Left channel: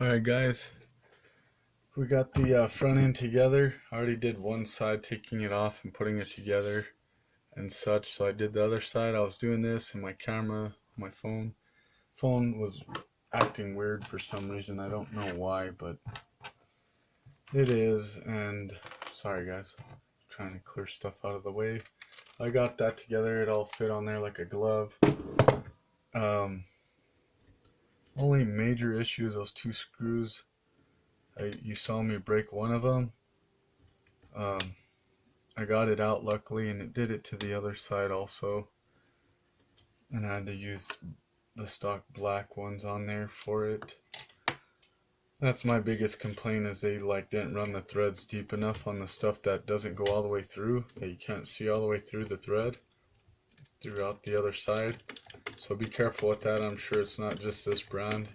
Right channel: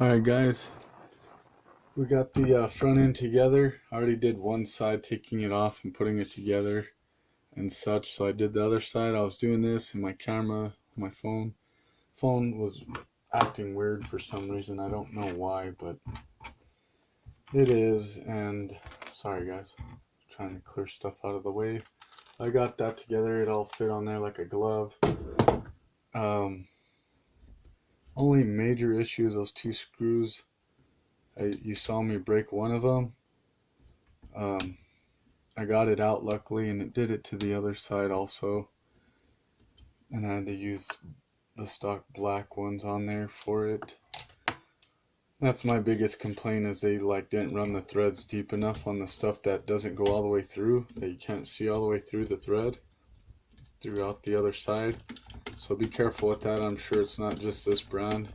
Alright guys, we got the front end together. I already did one side, taking it off and putting it together and such. So I did the other side. I was doing this and my camera, my phone was acting weird for some reason. I don't know why, but it is. And sorry guys, trying to clear stuff out of the way. I got that together. It all fit on there like a glove. Only major issue is those two screws. You saw me break one of them. I got it out luckily, and it did it to the other side also. And I had to use the stock black ones on there for it. That's my biggest complaint, is they didn't run the threads deep enough on the stuff that doesn't go all the way through, that you can't see all the way through the thread throughout the other side. So be careful with that. I'm sure it's not just this brand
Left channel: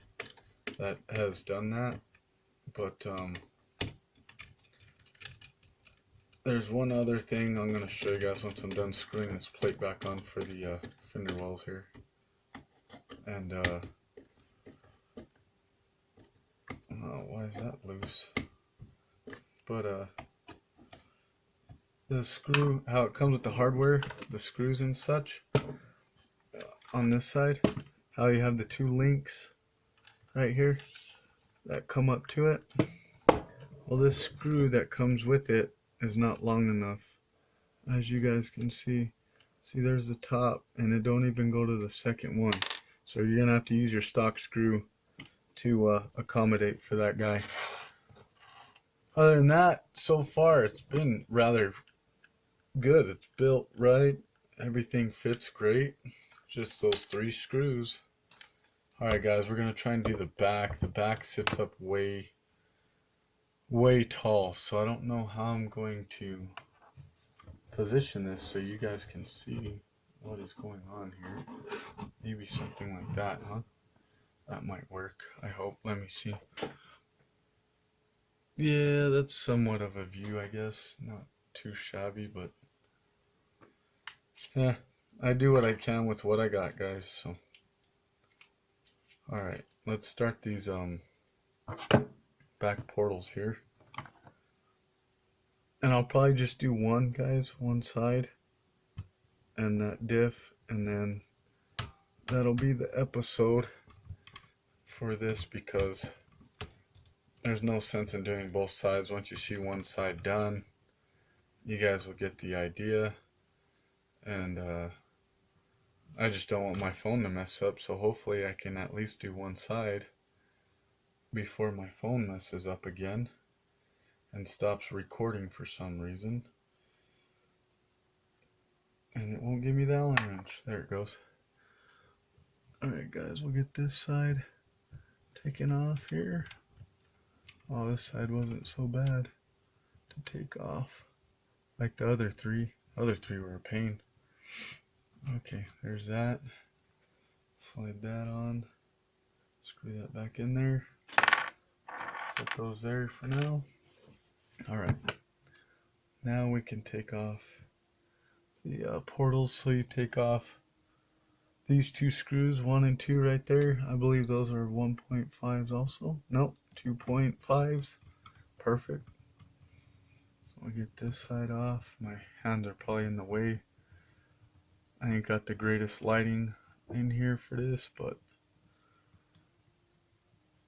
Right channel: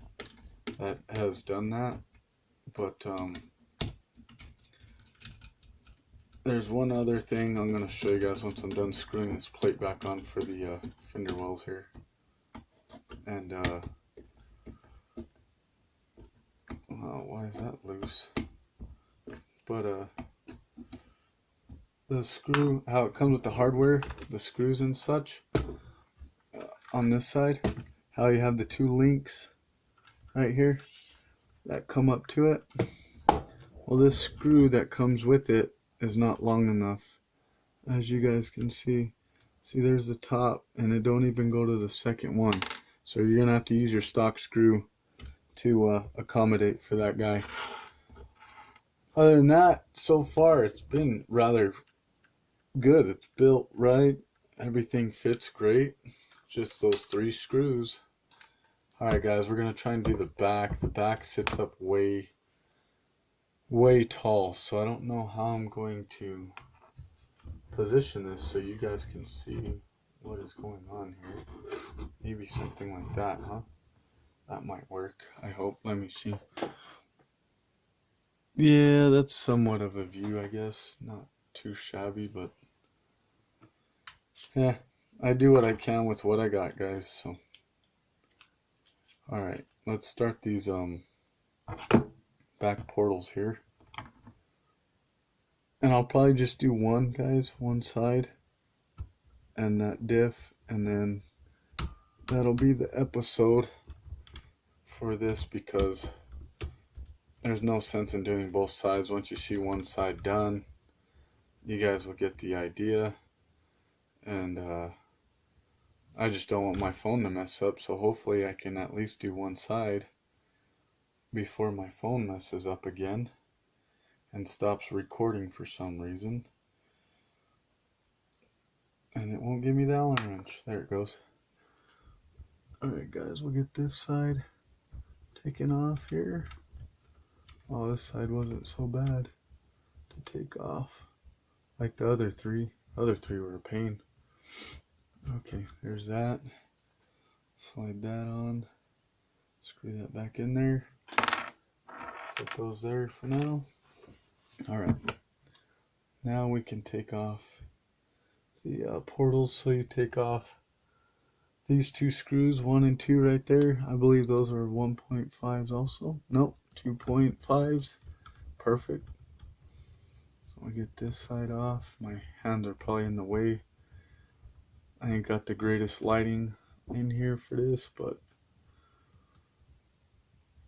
that has done that, but there's one other thing I'm going to show you guys once I'm done screwing this plate back on for the fender wells here. And why is that loose? But the screw, how it comes with the hardware, the screws and such, on this side, how you have the two links right here that come up to it. Well, this screw that comes with it is not long enough, as you guys can see. There's the top, and it don't even go to the second one, so you're gonna have to use your stock screw to accommodate for that guy. Other than that, so far it's been rather good. It's built right, everything fits great, just those three screws. Alright guys, we're gonna try and do the back. The back sits up way tall, so I don't know how I'm going to position this so you guys can see what is going on here. Maybe something like that, huh? That might work, I hope. Let me see. Yeah, that's somewhat of a view, I guess. Not too shabby, but yeah, I do what I can with what I got, guys. So alright, let's start these back portals here. And I'll probably just do one, guys, one side, and that diff, and then that'll be the episode for this, because there's no sense in doing both sides. Once you see one side done, you guys will get the idea. And I just don't want my phone to mess up, so hopefully I can at least do one side before my phone messes up again and stops recording for some reason. And it won't give me the Allen wrench. There it goes. Alright guys, we'll get this side taken off here. Oh, this side wasn't so bad to take off like the other three. The other three were a pain. Okay, there's that. Slide that on. Screw that back in there. Set those there for now. Alright, now we can take off the portals. So you take off these two screws, 1 and 2 right there. I believe those are 1.5s also. Nope, 2.5s. Perfect. So I get this side off. My hands are probably in the way. I ain't got the greatest lighting in here for this, but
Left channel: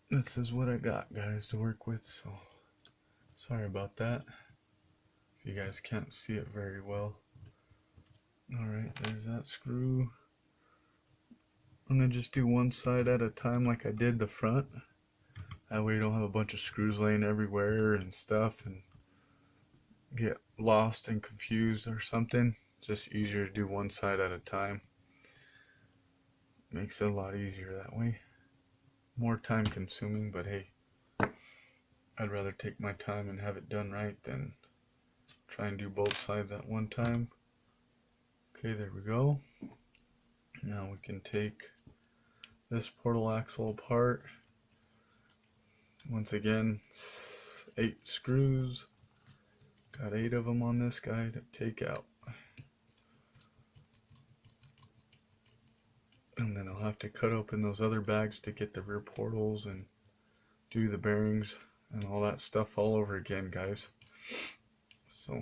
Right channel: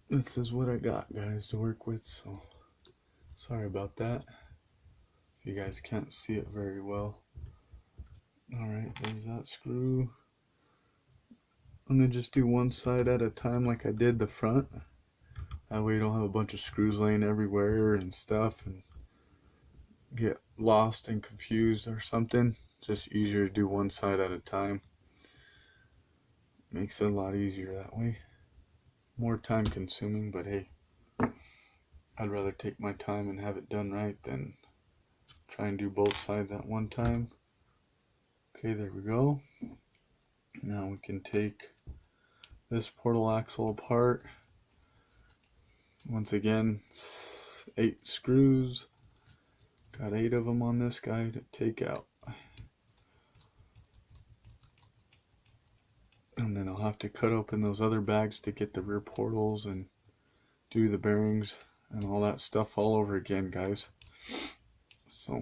this is what I got, guys, to work with. So sorry about that if you guys can't see it very well. Alright, there's that screw. I'm going to just do one side at a time like I did the front. That way you don't have a bunch of screws laying everywhere and stuff and get lost and confused or something. Just easier to do one side at a time. Makes it a lot easier that way. More time consuming, but hey, I'd rather take my time and have it done right than try and do both sides at one time. Okay, there we go. Now we can take this portal axle apart. Once again, 8 screws. Got 8 of them on this guy to take out. And then I'll have to cut open those other bags to get the rear portals and do the bearings and all that stuff all over again, guys. So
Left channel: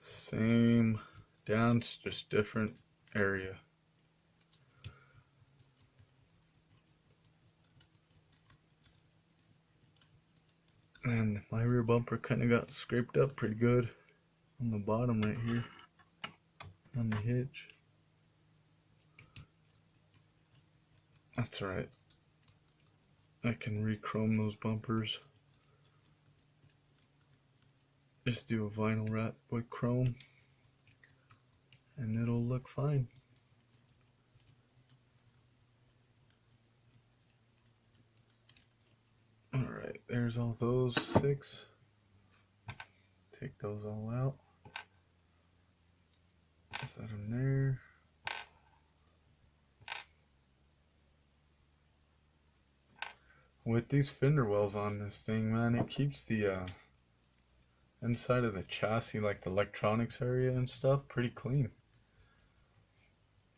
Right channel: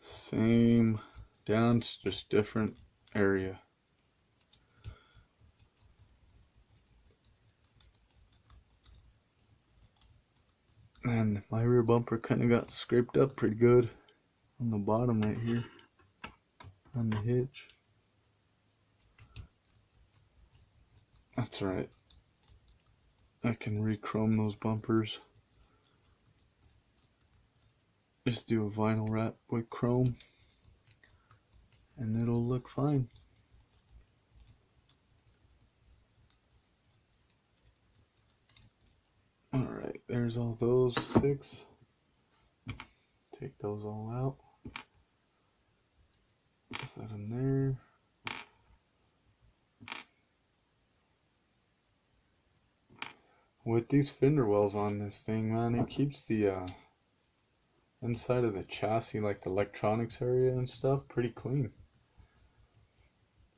same dance, just different area. And my rear bumper kind of got scraped up pretty good on the bottom right here on the hitch. That's alright. I can re-chrome those bumpers. Just do a vinyl wrap with chrome and it'll look fine. Alright, there's all those 6. Take those all out. Set them there. With these fender wells on this thing, man, it keeps the inside of the chassis, like the electronics area and stuff, pretty clean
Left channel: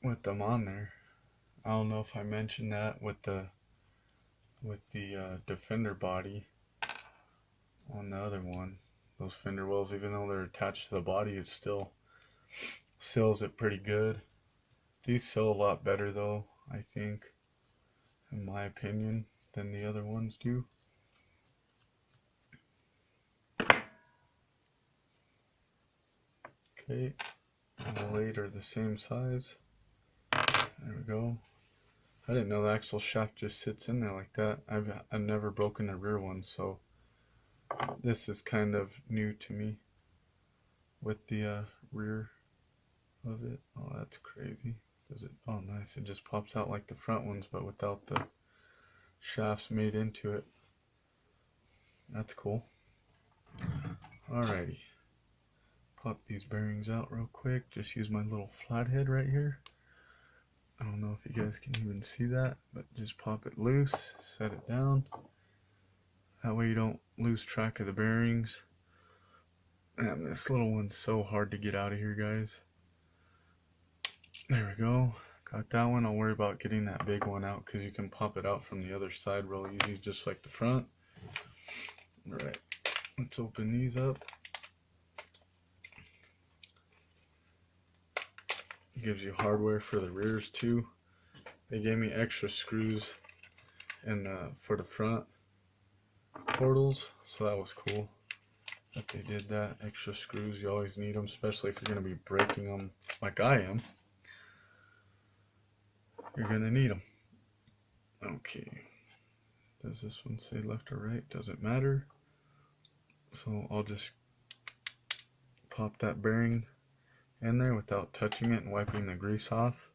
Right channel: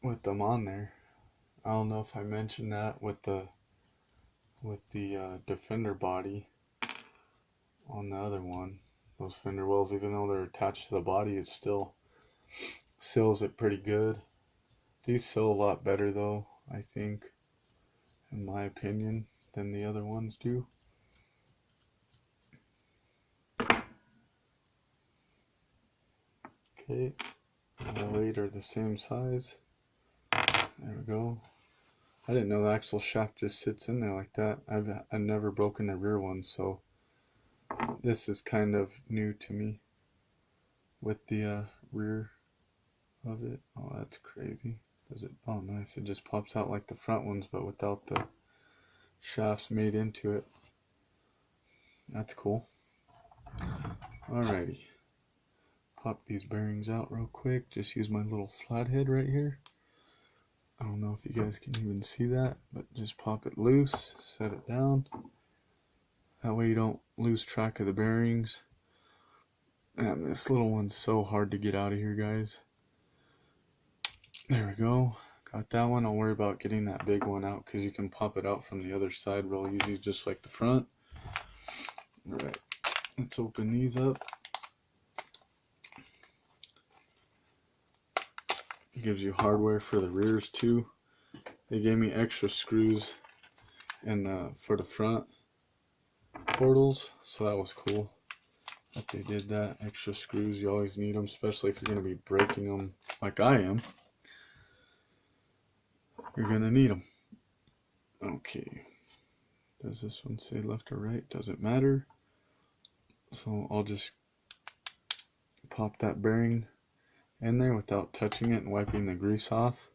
with them on there. I don't know if I mentioned that with the Defender body on the other one. Those fender wells, even though they're attached to the body, it still seals it pretty good. These seal a lot better though, I think, in my opinion, than the other ones do. Okay, all 8 are the same size. There we go. I didn't know the axle shaft just sits in there like that. I've never broken the rear one, so this is kind of new to me with the rear of it. Oh, that's crazy. Does it? Oh, nice. It just pops out like the front ones, but without the shafts made into it. That's cool. Alrighty. Pop these bearings out real quick. Just use my little flathead right here. I don't know if you guys can even see that, but just pop it loose, set it down. That way you don't lose track of the bearings. Man, this little one's so hard to get out of here, guys. There we go. Got that one. I'll worry about getting that big one out because you can pop it out from the other side real easy, just like the front. Alright, let's open these up. Gives you hardware for the rears too. They gave me extra screws for the front portals, so that was cool that they did that. Extra screws, you always need them, especially if you're going to be breaking them like I am. You're going to need them. Okay, does this one say left or right? Doesn't matter. So I'll just pop that bearing in there without touching it and wiping the grease off,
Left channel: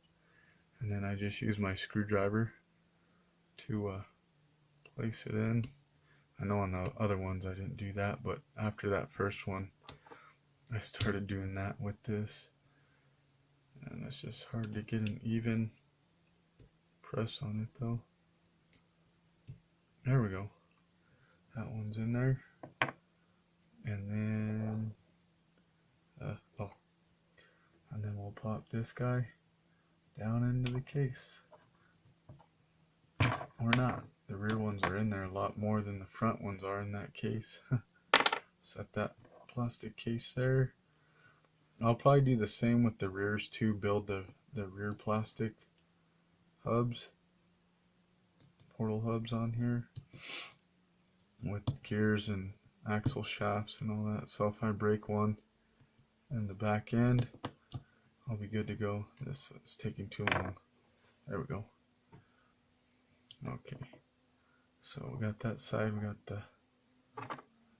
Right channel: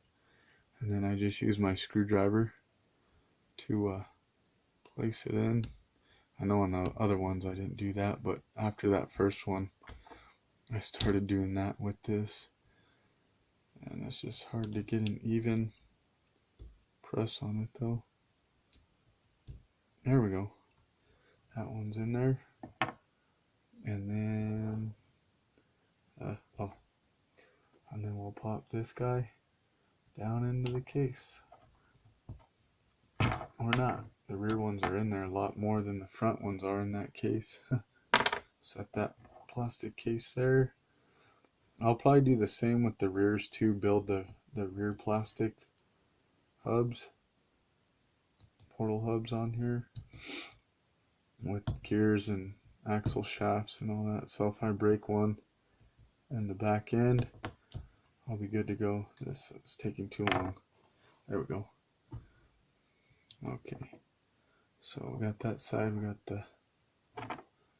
and then I just use my screwdriver to place it in. I know on the other ones I didn't do that, but after that first one I started doing that with this, and it's just hard to get an even press on it though. There we go. That one's in there, and then and then we'll pop this guy down into the case. Or not. The rear ones are in there a lot more than the front ones are in that case. Set that plastic case there. I'll probably do the same with the rears too. Build the rear plastic hubs, portal hubs on here with gears and axle shafts and all that. So if I break one in the back end, I'll be good to go. This is taking too long. There we go. Okay, so we got that side, we got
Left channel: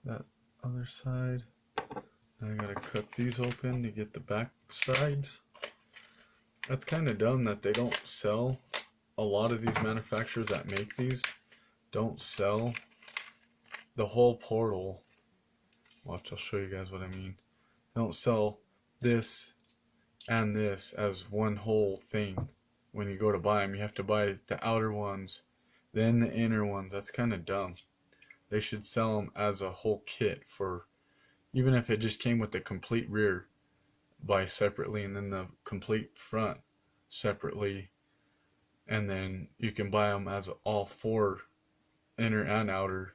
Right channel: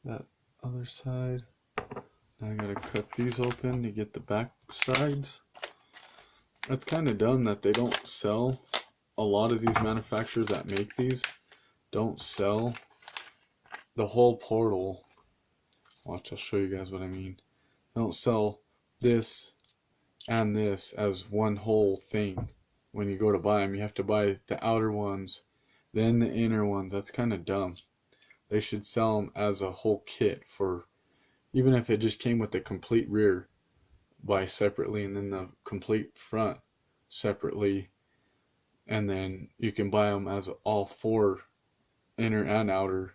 that other side. Now I gotta cut these open to get the back sides. That's kind of dumb that they don't sell. A lot of these manufacturers that make these don't sell the whole portal. Watch, I'll show you guys what I mean. They don't sell this and this as one whole thing. When you go to buy them, you have to buy the outer ones, then the inner ones. That's kind of dumb. They should sell them as a whole kit, for even if it just came with the complete rear, buy separately, and then the complete front separately, and then you can buy them as all 4 inner and outer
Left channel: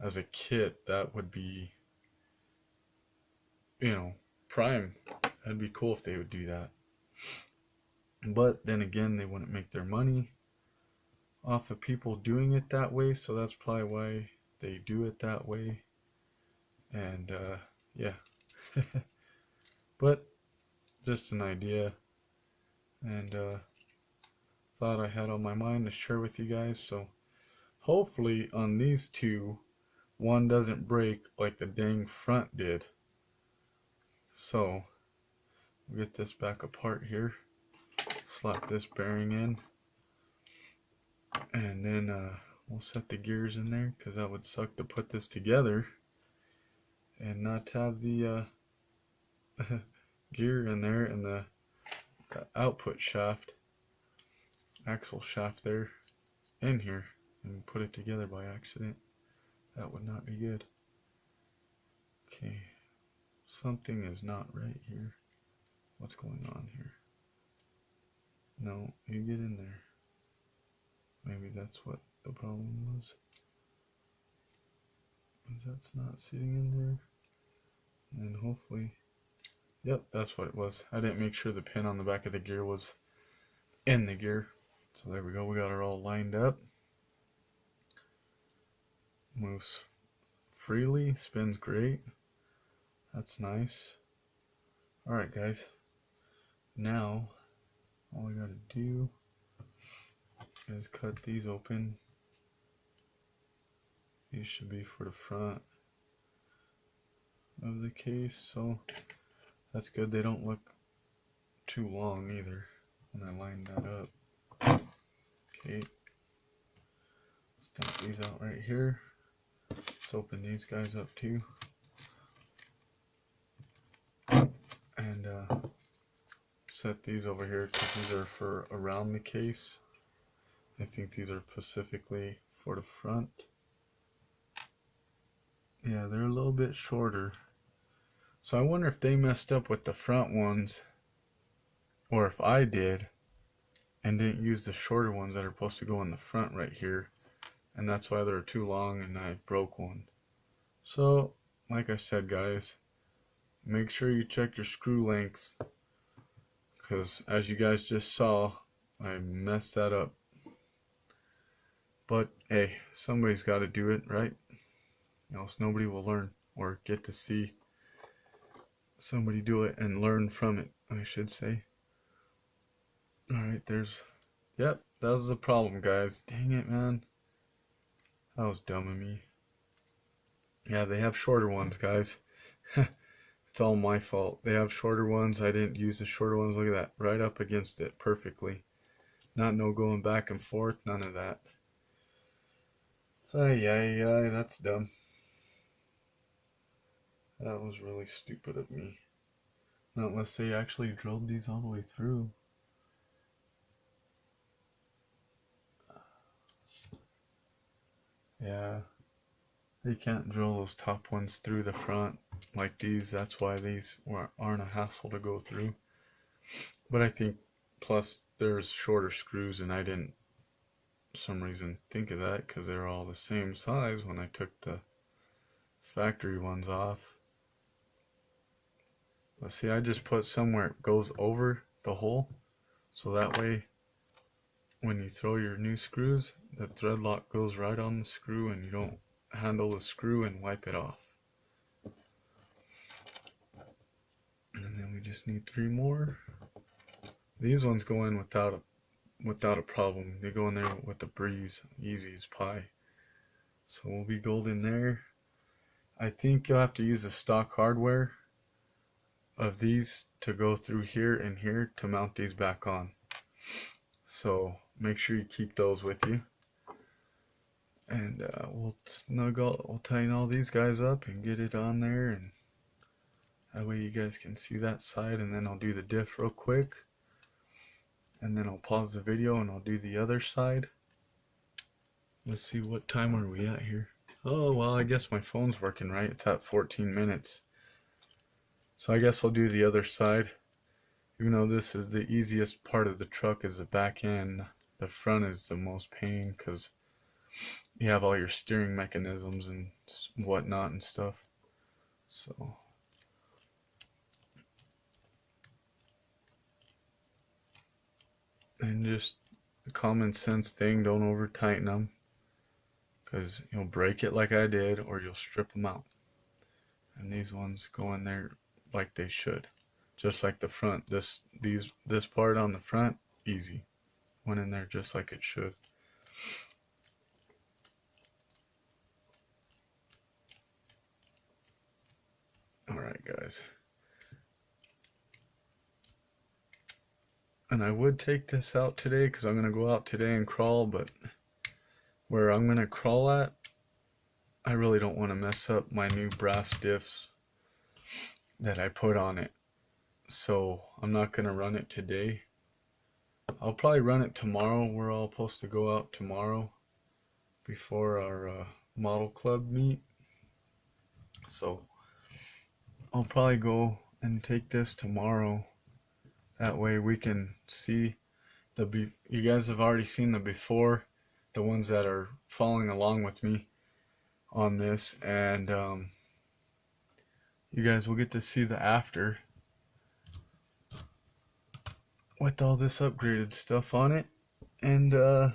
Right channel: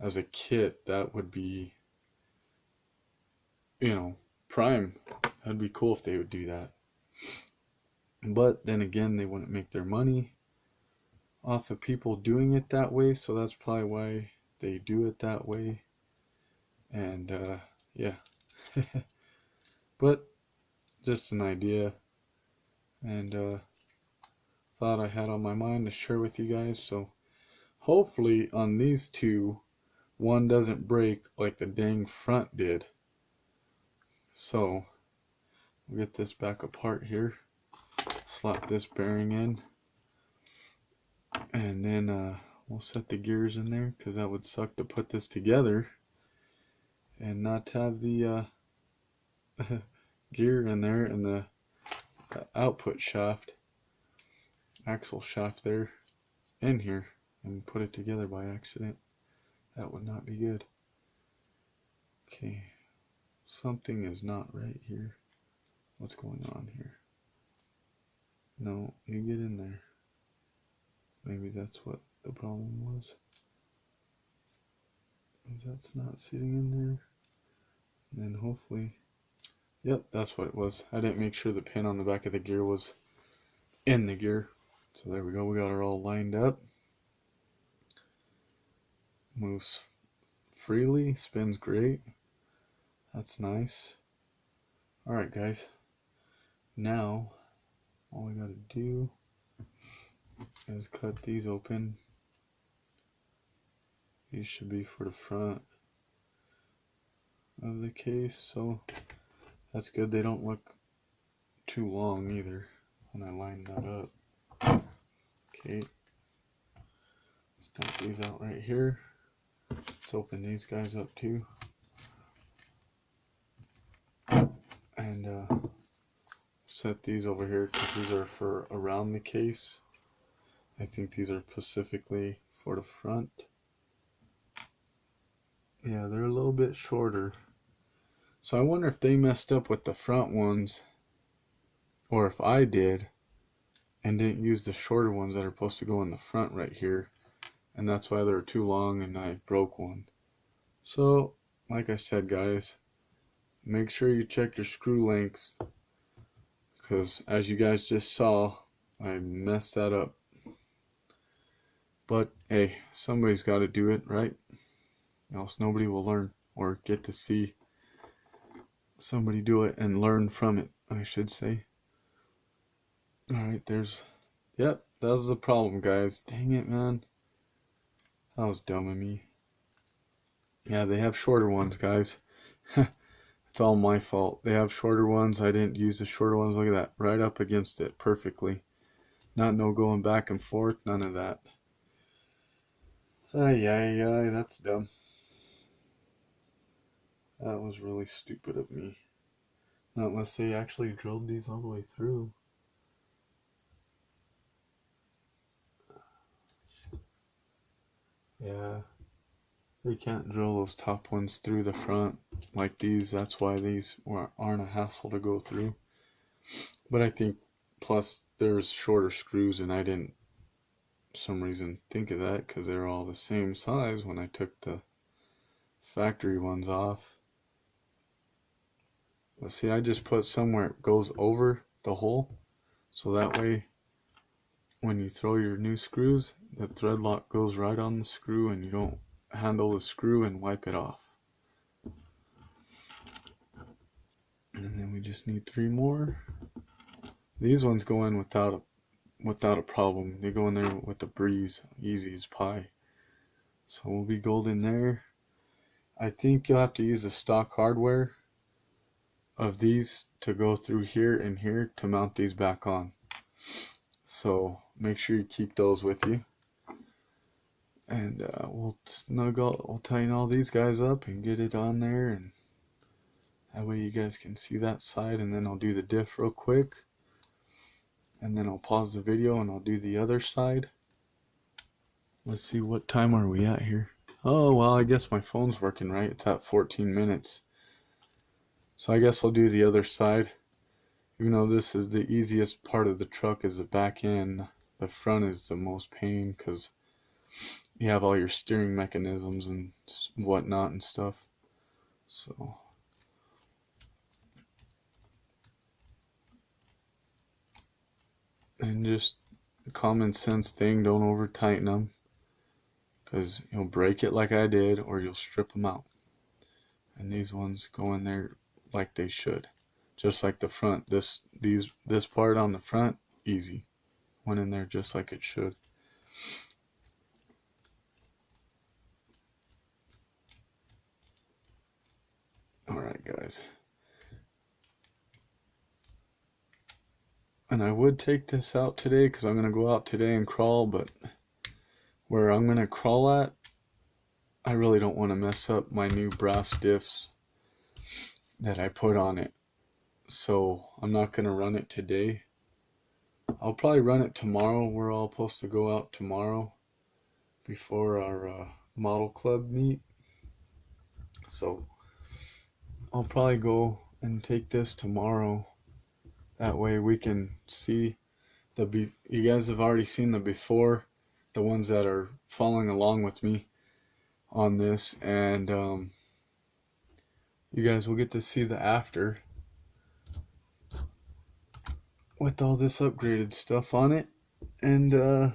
as a kit. That would be, prime. That'd be cool if they would do that. But then again, they wouldn't make their money off of people doing it that way, so that's probably why they do it that way. And yeah. But just an idea, and thought I had on my mind to share with you guys. So hopefully on these two, one doesn't break like the dang front did. So we'll get this back apart here, slap this bearing in, and then we'll set the gears in there, because that would suck to put this together and not have the gear in there and the output shaft, axle shaft there in here, and put it together by accident. That would not be good. Okay, something is not right here. What's going on here? No, you get in there. Maybe that's what the problem was. That's not sitting in there. And then hopefully, yep, that's what it was. I didn't make sure the pin on the back of the gear was in the gear. So there we go, we got her all lined up. Moves freely, spins great. That's nice. Alright guys, now all I gotta do is cut these open. These should be for the front of the case, so that's good. They don't look too long either when I line that up. Okay, let's dump these out right here. Let's open these guys up too. And set these over here, because these are for around the case. I think these are specifically for the front. Yeah, they're a little bit shorter. So I wonder if they messed up with the front ones, or if I did and didn't use the shorter ones that are supposed to go in the front right here, and that's why they're too long and I broke one. So like I said guys, make sure you check your screw lengths, because as you guys just saw, I messed that up. But hey, somebody's got to do it, right? Else nobody will learn or get to see somebody do it and learn from it, I should say. Alright, yep, that was the problem guys. Dang it, man. That was dumb of me. Yeah, they have shorter ones, guys. It's all my fault. They have shorter ones. I didn't use the shorter ones. Look at that. Right up against it perfectly. Not no going back and forth. None of that. Ay, that's dumb. That was really stupid of me. Not unless they actually drilled these all the way through. Yeah. They can't drill those top ones through the front like these. That's why these aren't a hassle to go through. But I think, plus there's shorter screws, and I didn't for some reason think of that, because they're all the same size when I took the factory ones off. But see, I just put somewhere it goes over the hole, so that way when you throw your new screws, the thread lock goes right on the screw and you don't handle the screw and wipe it off. And then we just need 3 more. These ones go in without a problem. They go in there with a breeze, easy as pie. So we'll be golden there. I think you'll have to use the stock hardware of these to go through here and here to mount these back on. So make sure you keep those with you. And we'll tighten all these guys up and get it on there, and that way you guys can see that side. And then I'll do the diff real quick, and then I'll pause the video and I'll do the other side. Let's see, what time are we at here? Oh well, I guess my phone's working right. It's at 14 minutes. So I guess I'll do the other side. Even though this is the easiest part of the truck, is the back end. the front is the most pain because you have all your steering mechanisms and whatnot and stuff. So and just a common sense thing, don't over tighten them because you'll break it like I did or you'll strip them out. And these ones go in there like they should, just like the front. This part on the front, easy, went in there just like it should. Alright guys, and I would take this out today because I'm going to go out today and crawl, but where I'm going to crawl at, I really don't want to mess up my new brass diffs that I put on it. So I'm not going to run it today. I'll probably run it tomorrow. We're all supposed to go out tomorrow before our model club meet. So I'll probably go and take this tomorrow. That way we can see you guys have already seen the before, the ones that are following along with me on this, and you guys will get to see the after with all this upgraded stuff on it, and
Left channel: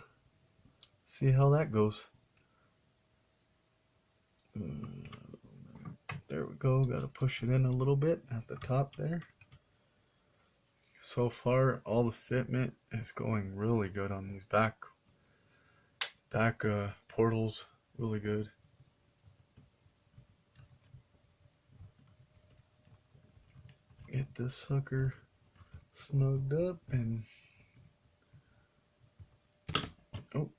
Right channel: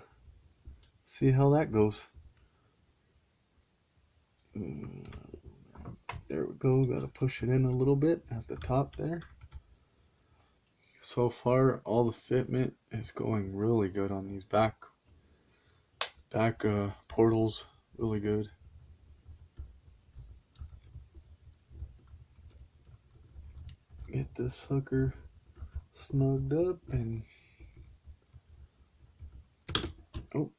see how that goes. There we go, gotta push it in a little bit at the top there. So far all the fitment is going really good on these back portals, really good. Get this sucker snugged up and oh,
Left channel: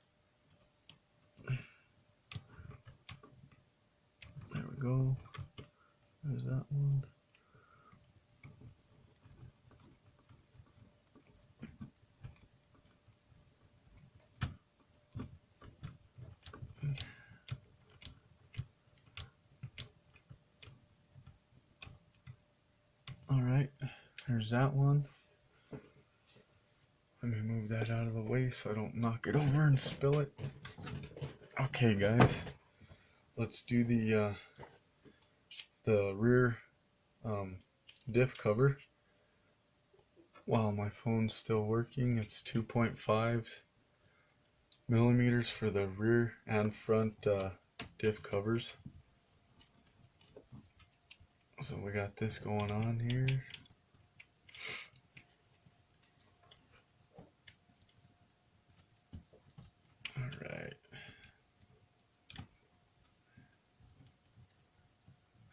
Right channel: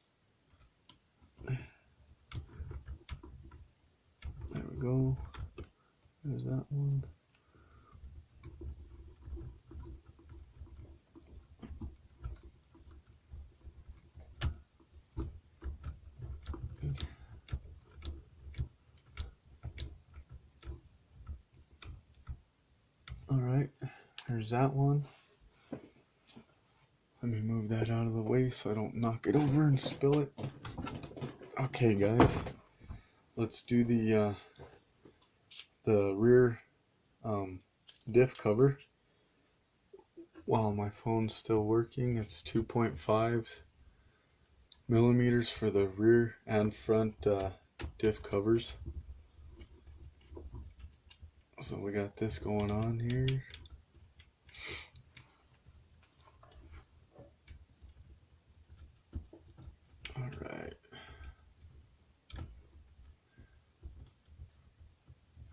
there we go. There's that one. Alright, there's that one. Let me move that out of the way so I don't knock it over and spill it. Okay guys, let's do the rear diff cover. While my phone's still working, it's 2.5 millimeters for the rear and front diff covers. So we got this going on here. Alright.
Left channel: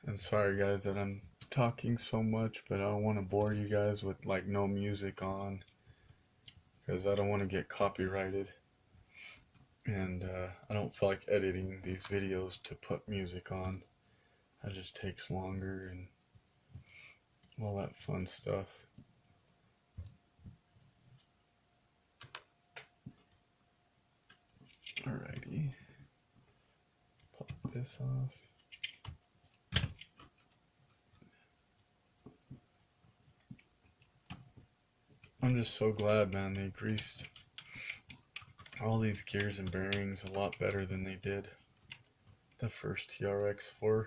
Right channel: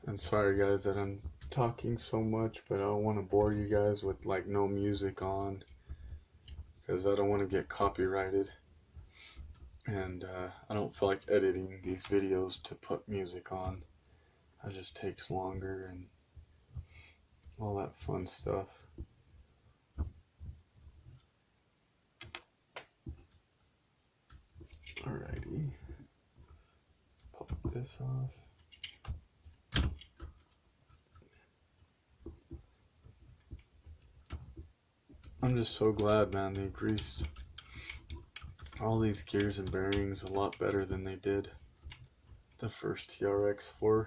And sorry guys that I'm talking so much, but I don't want to bore you guys with like no music on, because I don't want to get copyrighted, and I don't feel like editing these videos to put music on. It just takes longer and all that fun stuff. Alrighty, pop this off. I'm just so glad, man, they greased all these gears and bearings a lot better than they did the first TRX4.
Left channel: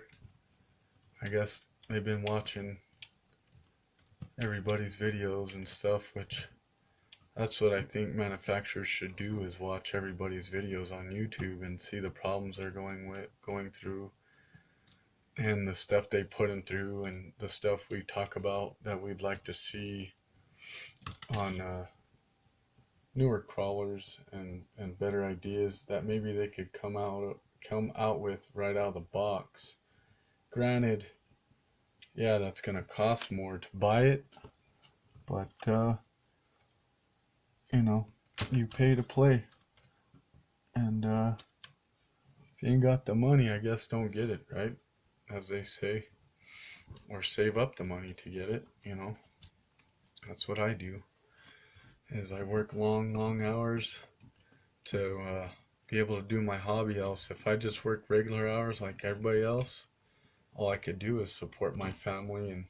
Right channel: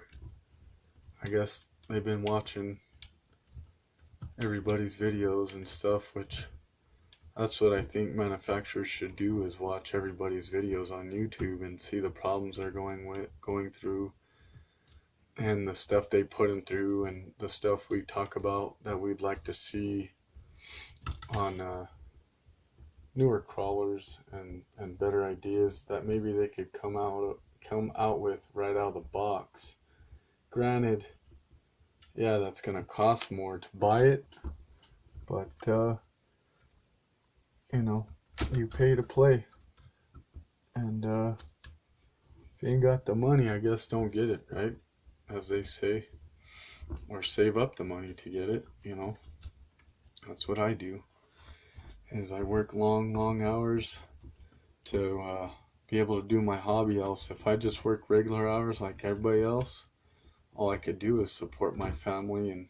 I guess they've been watching everybody's videos and stuff, which that's what I think manufacturers should do, is watch everybody's videos on YouTube and see the problems they're going through and the stuff they put them through and the stuff we talk about that we'd like to see on newer crawlers and better ideas that maybe they could come out with right out of the box. Granted, yeah, that's gonna cost more to buy it, but you know, you pay to play, and if you ain't got the money, I guess don't get it, right, as they say, or save up the money to get it. You know, that's what I do, is I work long hours to be able to do my hobby. Else if I just work regular hours like everybody else, all I could do is support my family, and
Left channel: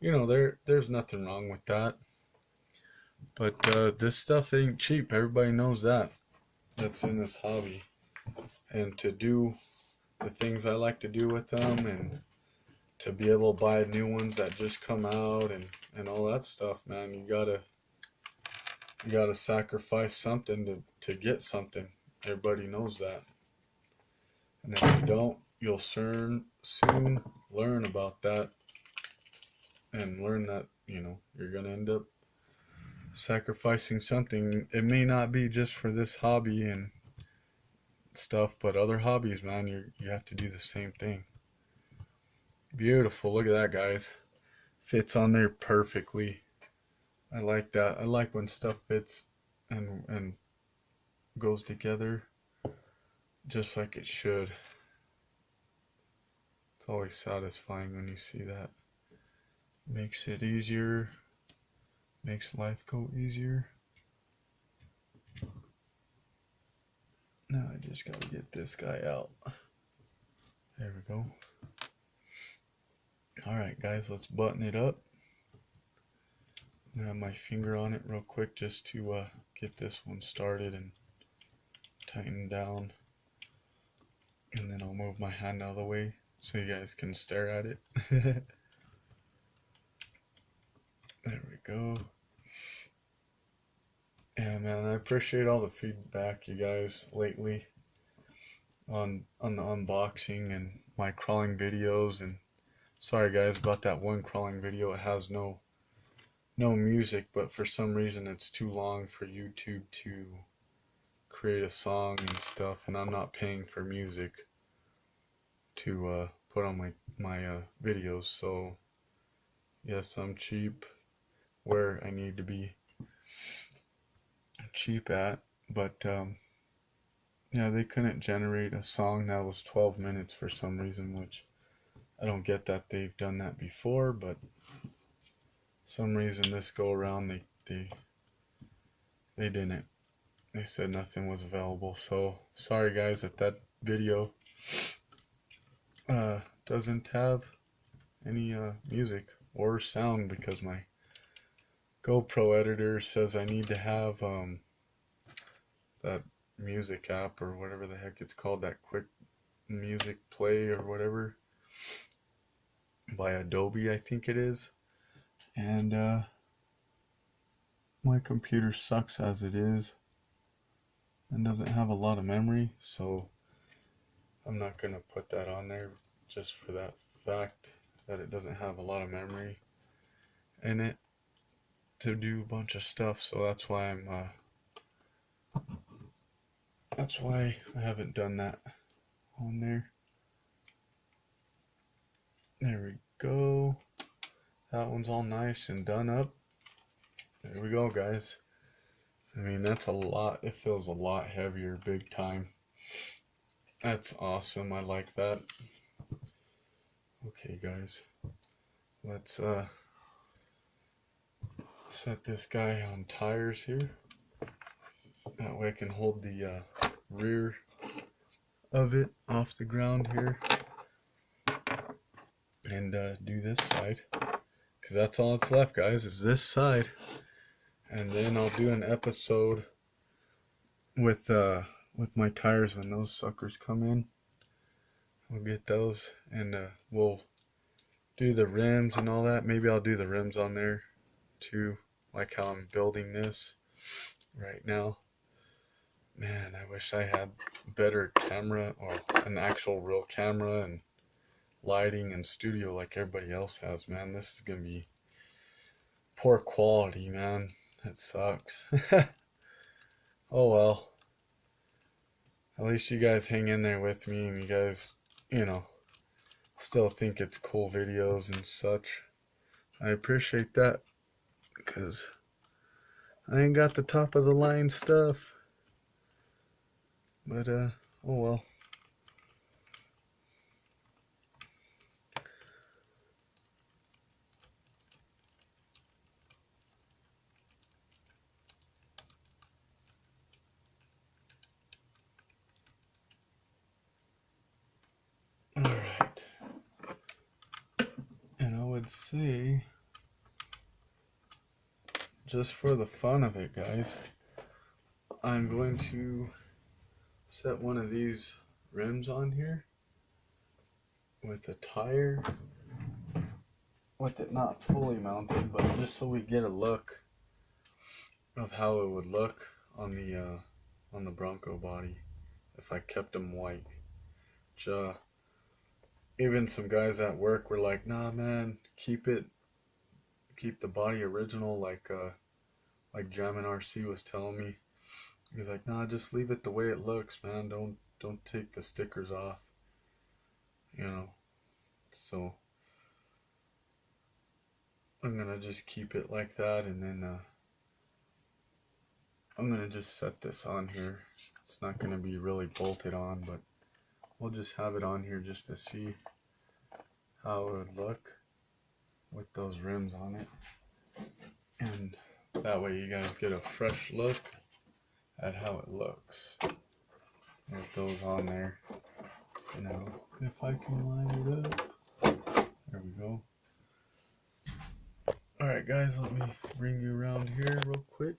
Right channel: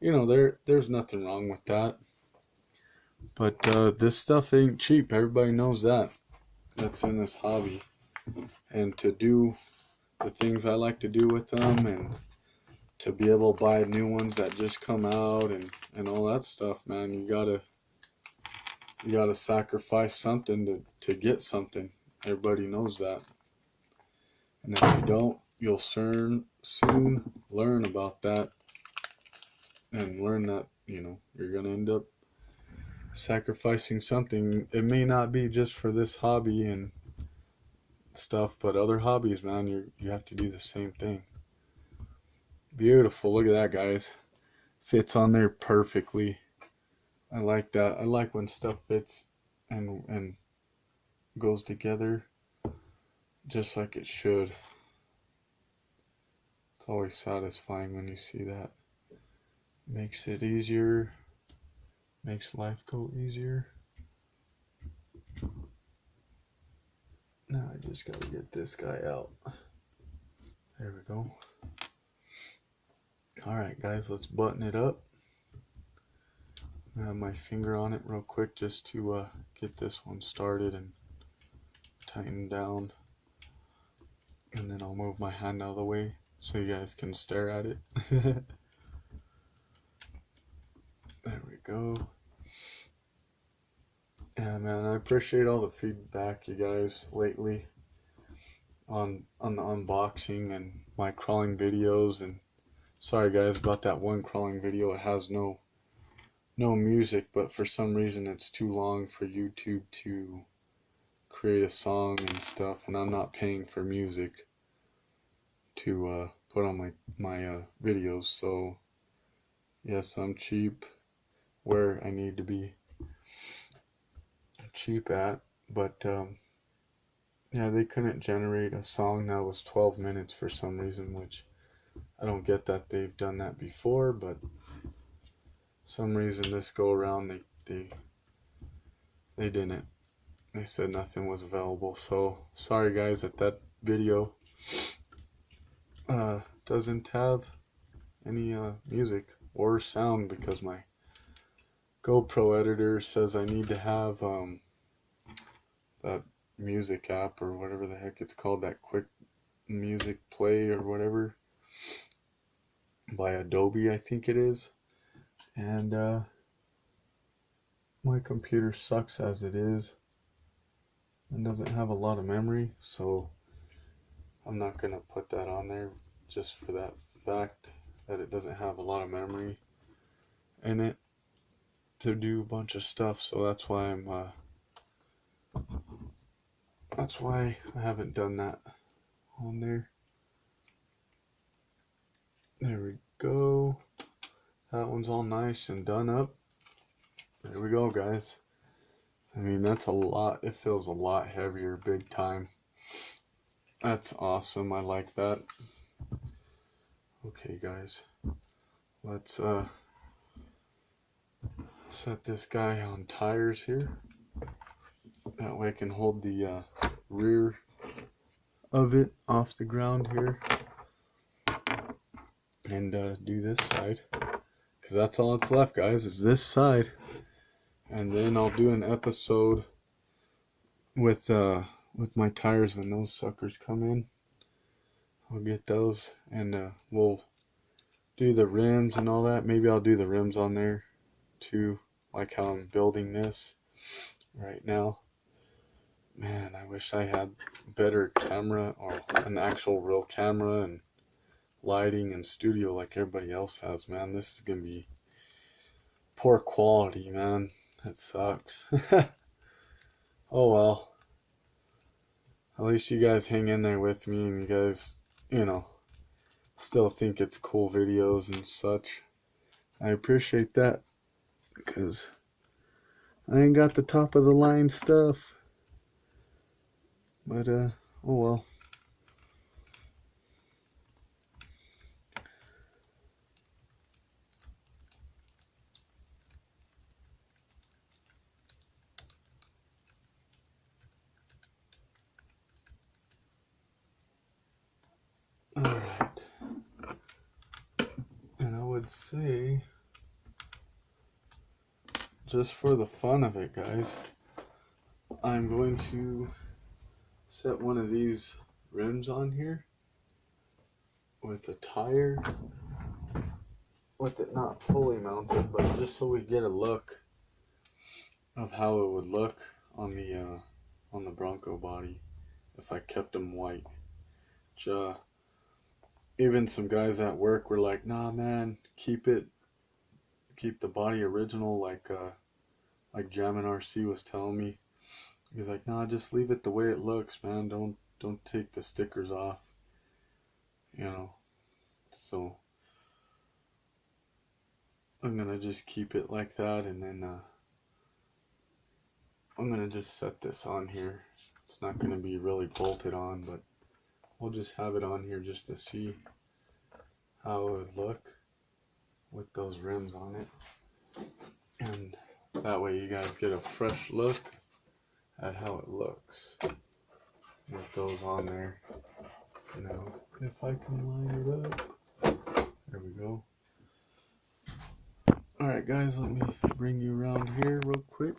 you know, there's nothing wrong with that. But this stuff ain't cheap. Everybody knows that. That's in this hobby. And to do the things I like to do with them, and to be able to buy new ones that just come out, and all that stuff, man, you gotta sacrifice something to get something. Everybody knows that. And if you don't, you'll soon learn about that, and learn that, you know, you're gonna end up sacrificing something. It may not be just for this hobby and stuff, but other hobbies, man, you have to do the same thing. Beautiful. Look at that, guys. Fits on there perfectly. I like that. I like when stuff fits and goes together just like it should. It's always satisfying when you see that. Makes it easier. Makes life go easier. Now I just gotta get this guy out. There we go. Alright guys, let's button it up. I have my finger on it real quick just to get this one started and tighten down. And then I'll move my hand out of the way so you guys can stare at it. There we go. Yeah, man, I appreciate all the feedback you guys lately on the unboxing and my crawling videos. And sorry guys about that one crawling video. It has no music, but for some reason it's too long for YouTube to create a song and stuff, and I'm not paying for music to put on my videos. So yes, I'm cheap where I need to be cheap at, but yeah, they couldn't generate a song that was 12 minutes for some reason, which I don't get that they've done that before, but some reason this go around they didn't. They said nothing was available. So sorry guys that video doesn't have any music or sound, because my GoPro editor says I need to have that music app or whatever the heck it's called, that quick music play or whatever, by Adobe I think it is. And my computer sucks as it is and doesn't have a lot of memory, so I'm not gonna put that on there just for that fact that it doesn't have a lot of memory in it to do a bunch of stuff. So that's why I haven't done that on there. There we go. That one's all nice and done up. There we go, guys. I mean, that's a lot. It feels a lot heavier, big time. That's awesome. I like that. Okay, guys. Let's set this guy on tires here. That way I can hold the rear of it off the ground here. And do this side. Because that's all that's left, guys, is this side. And then I'll do an episode with my tires when those suckers come in. I'll get those, and we'll do the rims and all that. Maybe I'll do the rims on there too, like how I'm building this right now. Man, I wish I had better camera, or an actual real camera and lighting and studio like everybody else has. Man, this is gonna be poor quality, man. It sucks. Oh well. At least you guys hang in there with me, and you guys, you know, still think it's cool videos and such. I appreciate that, because I ain't got the top of the line stuff. But oh well. Alright. And I would say just for the fun of it, guys, I'm going to set one of these rims on here with a tire, with it not fully mounted, but just so we get a look of how it would look on the Bronco body if I kept them white. Which, even some guys at work were like, "Nah, man, keep the body original," like Jammin' RC was telling me. He's like, "Nah, just leave it the way it looks, man. Don't take the stickers off." You know. So I'm gonna just keep it like that, and then I'm gonna just set this on here. It's not gonna be really bolted on, but we'll just have it on here just to see how it would look with those rims on it, and that way you guys get a fresh look at how it looks with those on there. Now, if I can line it up, there we go. Alright guys, let me bring you around here real quick.